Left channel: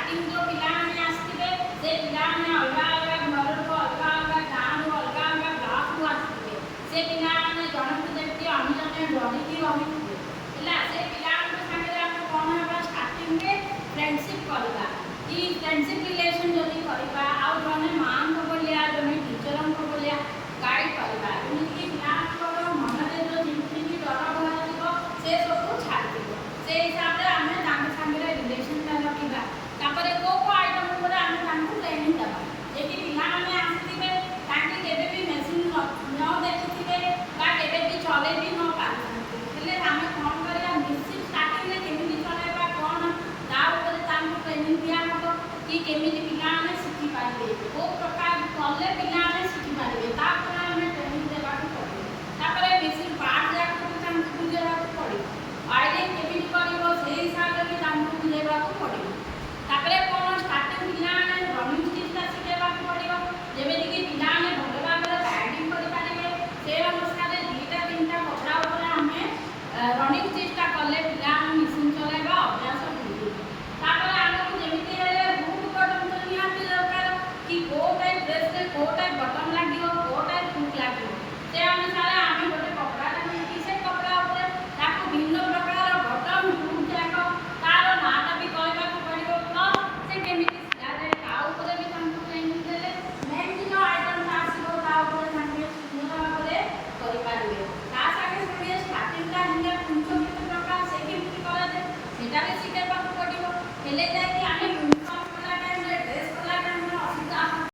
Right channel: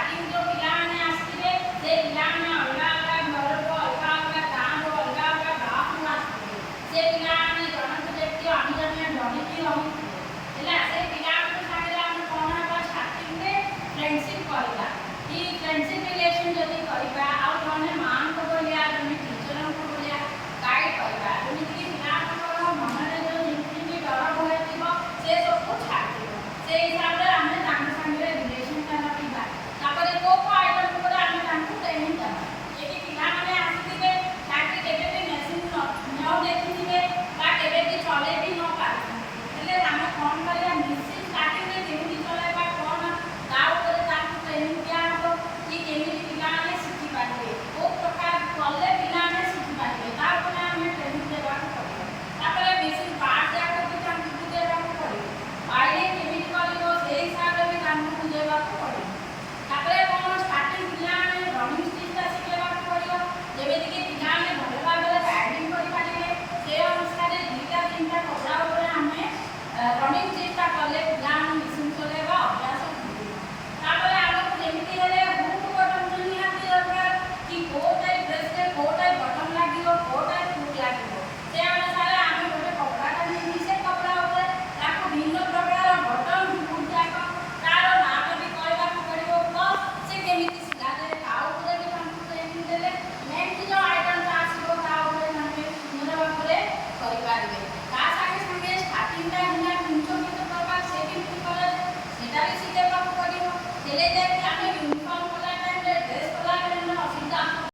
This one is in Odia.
ଷ୍ଟାର୍ଟିଂ ଯେଉଁ ପିଲାମାନେ ଆସିଥିବେ ସେ ପିଲାମାନେ ଅଲଗା ଅଲଗା ଘରରୁ ଅଲଗା ଅଲଗା ଗାଁରୁ ଅଲଗା ଅଲଗା ବ୍ଲକରୁ ଆସିଥିବେ। ସେ ପିଲାମାନେ ଜଣଙ୍କୁ ଯେମିତି ଅନ୍ୟ ଜଣେ ଡରିକି ରହୁଥିବେ ହେଲା। ସେ ପିଲାମାନଙ୍କ ସାଙ୍ଗରେ ଆମେ କ'ଣ ହେବ ଷ୍ଟାର୍ଟିଂରେ ଫ୍ରେଣ୍ଡସିପ୍ କରିବା।